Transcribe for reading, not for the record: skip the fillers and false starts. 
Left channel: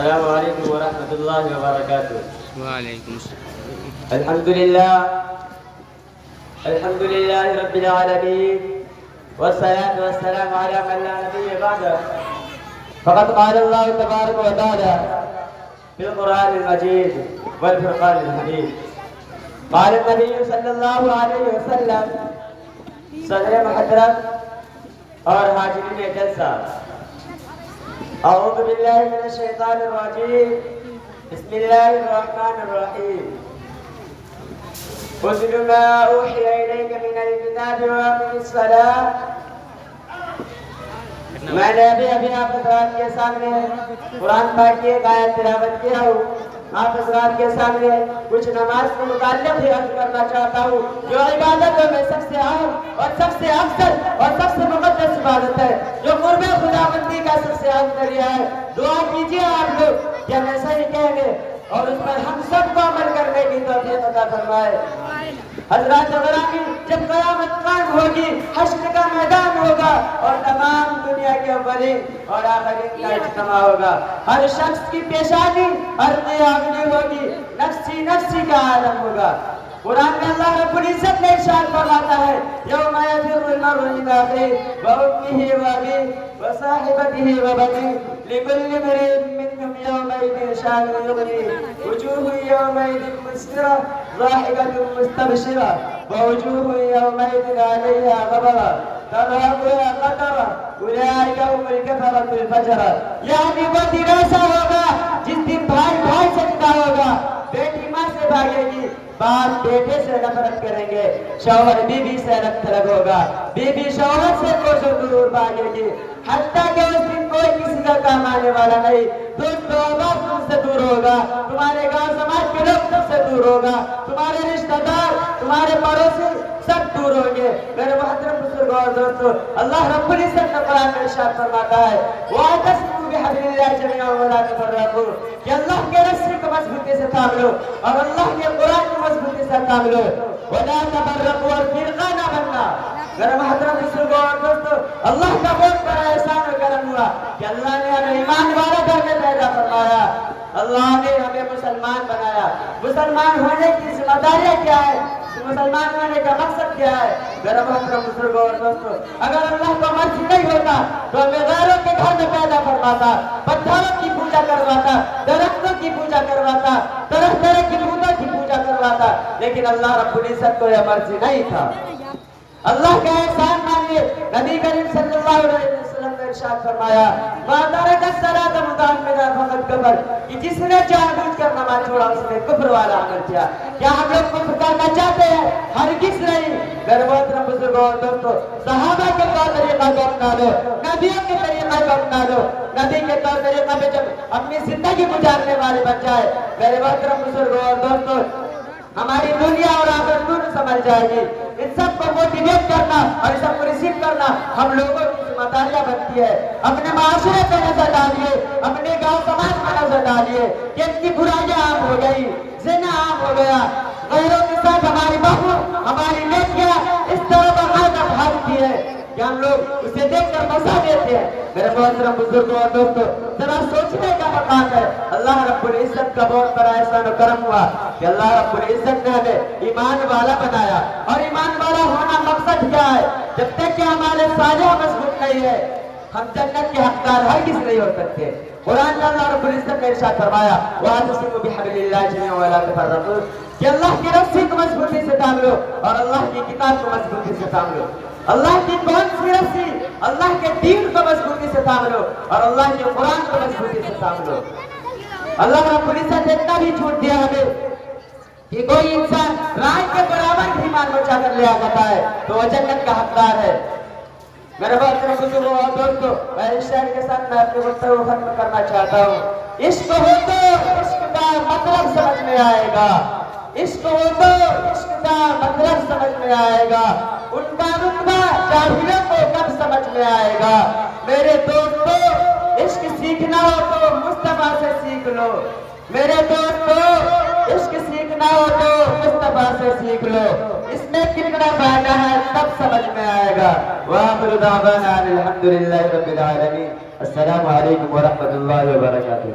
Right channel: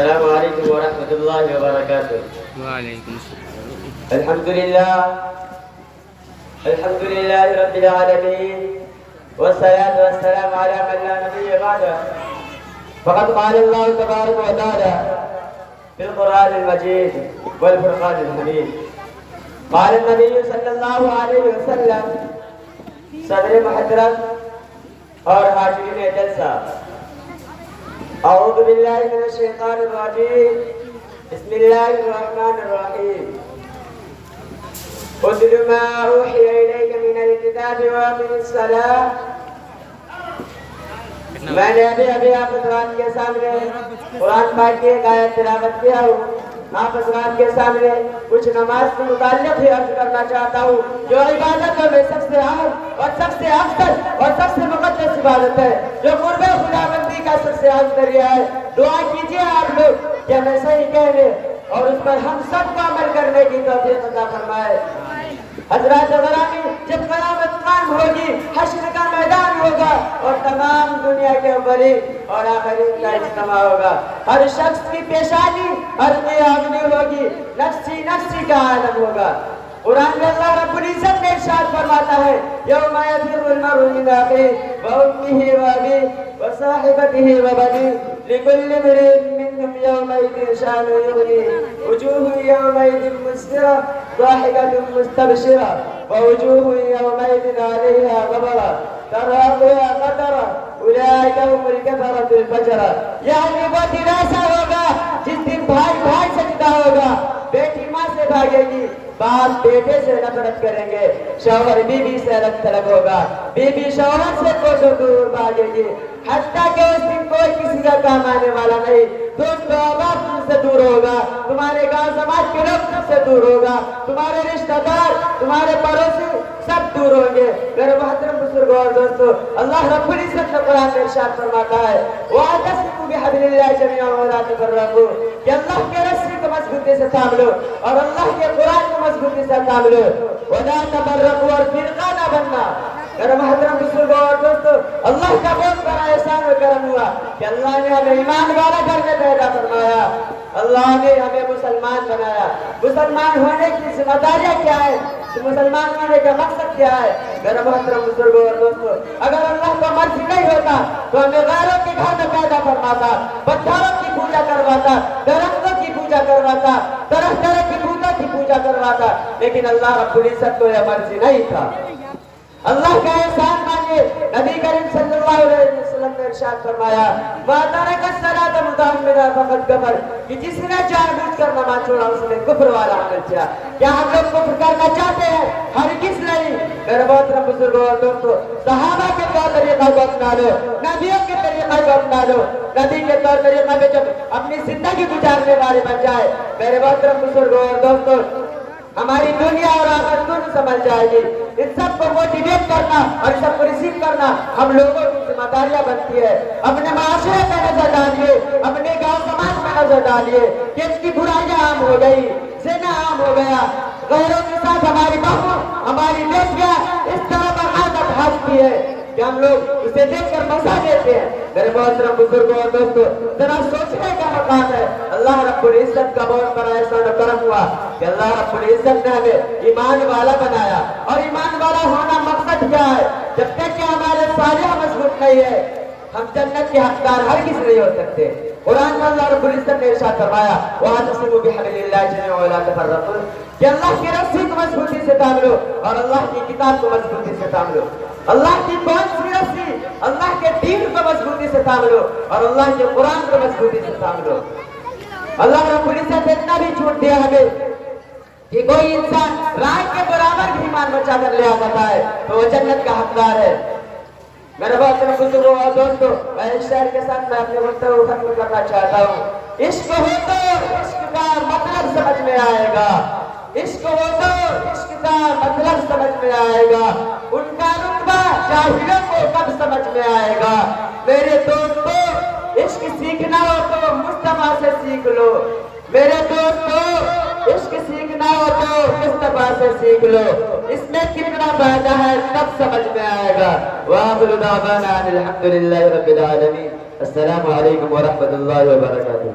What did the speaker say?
السلام عليكم ورحمة الله وبركاته. وعليكم السلام. الحمد لله رب العالمين، والصلاة والسلام على من لا نبي بعده. فقد قال الله تبارك وتعالى في القرآن المجيد والفرقان الحميد. قال النبي صلى الله عليه وسلم: صدر محترم اور حاضرین جلسہ، اعوذ باللہ من الشیطان الرجیم، بسم اللہ الرحمن الرحیم. اتل ما اوحی الیک من الکتاب واقم الصلاۃ. میں نے ابھی آپ حضرات کے سامنے قرآن پاک کی ایک آیت تلاوت کیا ہوں. آپ حضرات کے سامنے کچھ نماز کے متعلق بھی عرض کرنا چاہتا ہوں، جو عبادتوں میں سب سے اہم اور سب سے افضل اور سب سے مقدس عبادت ہے، جو قرب خدا بندی کا سب سے اہم ذریعہ ہے. دعا کیجئے آپ لوگ کہ ہمیں صحیح کہنے اور اس پر ہم سب کو عمل کرنے کی توفیق عطا فرمائے. حضرات گرامی، جب قیامت قائم ہوگی، حشر کا میدان ہوگا اور تمام دنیا کے اولین اور آخرین کا اجتماع ہوگا. ہر شخص کی پیشانی ہر نیابنی ہوگی، نفسی نفسی کا عالم ہوگا. قرآن میں اللہ رب العزت نے ارشاد فرماتا ہے: یوم یفر المرء من اخیہ وامہ وابیہ وصاحبتہ وبنیہ لکل امرئ منہم یومئذ شأن یغنیہ وجوہ یومئذ مسفرہ ضاحکۃ مستبشرہ ووجوہ یومئذ علیہا غبرہ ترہقها قترہ اولئک هم الکفرۃ الفجرہ. یعنی وہ دن ایسا ہوگا جس دن بھائی بھائی سے جدا ہوگا، بیٹی ماں سے بھاگے گی، باپ بیٹے سے نفرت کریں گے، شوہر بیوی سے رنگ ترگ ہوگا، بیوی شوہر سے کوسوں دور بھاگے گی، حتیٰ کہ اس دن کوئی کسی کا کام آنے والا نہیں. دوست احباب تم سے دور ہوگا، تمہارے گاؤں سماج کے لوگ تم سے دور ہوگا، تمہارے رشتہ دار، تمہارے پڑوسی سب دور ہوں گے. میرے محترم بزرگوں اور دوستو، اللہ رب العزت نے قرآن میں ارشاد فرماتا ہے: وَاعْتَصِمُوا بِحَبْلِ اللَّهِ جَمِيعًا وَلَا تَفَرَّقُوا. کہ اللہ کے رسی کو مضبوطی سے تھام لو اور اللہ کے قرآن کو مضبوطی سے تھام لو. وَلَا تَفَرَّقُوا، اور فرقہ نہ بننا. میرے محترم بزرگوں اور دوستو، اللہ کا بہت بڑا احسان و کرم ہوا کہ اللہ نے ہمیں ایمان والا گھر میں پیدا فرمایا، اللہ نے ہمیں مسلمان بنایا. مسلمان ہونے کی ذمہ داریاں کیا ہے؟ مسلمان ہونے کا مقصد کیا ہے؟ میرا محترم بزرگوں اور دوستو، اگر اللہ کا مرضی نہیں ہوتا تو ہمیں غیروں کی گھر میں پیدا فرماتا، پتھروں کی پوجا کرواتا، درختوں کی پوجا کرواتا، طرح طرح کی بتوں کی پوجا کرواتا. لیکن اللہ رب العزت کو یہ مرضی نہیں تھا. اللہ کا احسان مانیے. نبی کریم صلی اللہ علیہ وسلم نے ارشاد فرمایا: وَتَرَكَ الصَّلَاةَ مُتَعَمِّدًا فَقَدْ كَفَرَ. کہ جس نے جان بوجھ کر نماز چھوڑا اس نے کفر والا عمل کیا. کیا ہم لوگ کفر کرنا چاہتے ہیں؟ ہرگز نہیں. میرے محترم بزرگوں اور دوستو، صحابہ کے طور طریقہ کو اپنا لو، نبیوں کے طریقہ کو اپنا لو. نبی کے طور طریقہ میں جب اپنی زندگی گزارنے والے بن جائے، میرے محترم بزرگوں اور دوستو، ہماری دنیا اور آخرت دونوں سنبھل جائے گی. ان سب کو موٹیویٹ کرنا اور ان سب کو ریسیو کرنا ہم لوگوں کی ذمہ داریاں بنتی ہے. اپنے معاشرے پہ نظر ڈالیے، اپنے گاؤں سماج میں نظر ڈالیے کہ اس کی برائیاں عام ہو گئی، زنا عام ہو گیا، غیروں کے ساتھ ہماری بہو ہماری بیٹیاں اس طرح باقاعدہ بھاگتی ہے کہ ہم لوگ اسے دیکھ کر مزہ دیتے ہیں. میرے محترم بزرگوں اور دوستو، ذرا سوچنے کا مقام ہے. اللہ رب العزت کا بہت بڑا احسان و کرم ہوا کہ اللہ رب العزت نے ہمیں ایمان والا بنایا. اور ایمان والا ہونا مقصد کیا ہے؟ جب تک کہ ہمارے صالح مضبوط نہیں ہے، ہم جنت کے حقدار ہرگز نہیں ہو سکتے. قرآن میں اللہ رب العزت نے ارشاد فرمایا: وَاعْتَصِمُوا بِحَبْلِ اللَّهِ جَمِيعًا وَلَا تَفَرَّقُوا. کہ اللہ کی رسی کو مضبوطی سے تھام لو اور اللہ کی کتاب کو مضبوطی سے تھام لو. اللہ کی کون سی رسی؟ اللہ کے دین کو مضبوطی سے تھام لو اور اللہ کے قرآن کو مضبوطی سے تھام لو. اللہ رب العزت نے اتنا بھی چھوٹ دیا ہمیں کہ کوئی انسان رائے کے برابر بھی ایمان بچا کر لے آتا ہے تو وہ جنت کا حقدار ہے. میرے محترم بزرگوں اور دوستو، میں اس شعر کے ساتھ میں اپنے گفتگو ختم کرنا چاہتا ہوں. عشق ہو تو عشق کا مطلب سمجھ میں آئے گا، عشق ہو تو عشق کا مطلب سمجھ میں آئے گا. ان کا رتبہ جاہلوں کو کب سمجھ میں آئے گا. میرے دوستو، عشق سیکھنا ہو تو مصطفیٰ سے سیکھ لو. میرے دوستو، عشق سیکھنا ہو تو مصطفیٰ سے سیکھ لو. اس میں کتنا فائدہ ہے تب سمجھ میں آئے گا. وآخر دعوانا ان الحمد للہ رب العالمین. السلام علیکم ورحمۃ اللہ وبرکاتہ.